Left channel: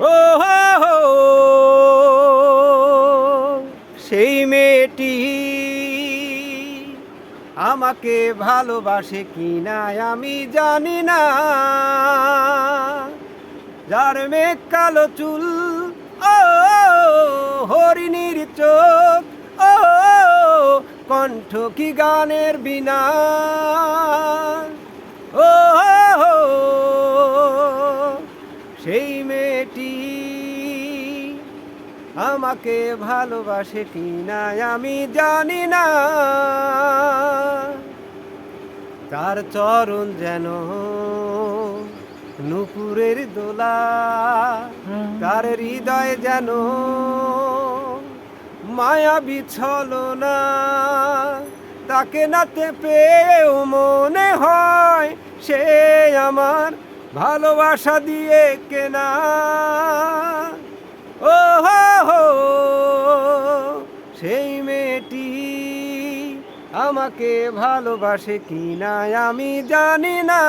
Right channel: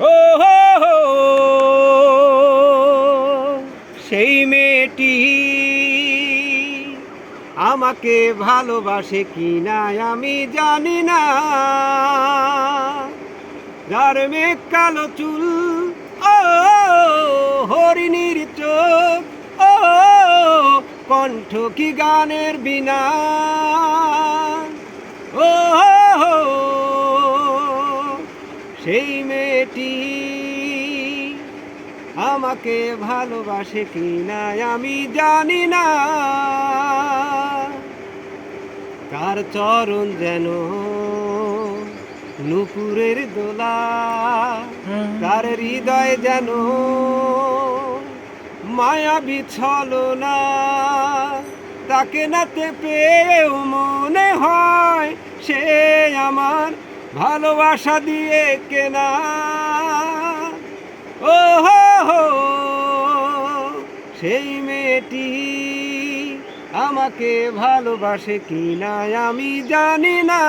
ও হো হো, সেই মেয়েটি আমাকে ভালোবাসে কিনা আমি জানি না। যার মেঘ কালো চুল, ও হরিণীর চোখ, ও কণ্ঠ কি গানের বিনা। ও সেই মেয়েটি আমাকে ভালোবাসে কিনা আমি জানি না। তার চরণ যেন নুপুরের দোলা, তার হৃদয় যেন মায়াবী ছলনা। তাকে নাতে পেয়েও মনে হয় সে আমার ভালোবাসা দিয়ে কেনা। ও হো হো, সেই মেয়েটি আমাকে ভালোবাসে কিনা আমি জানি না।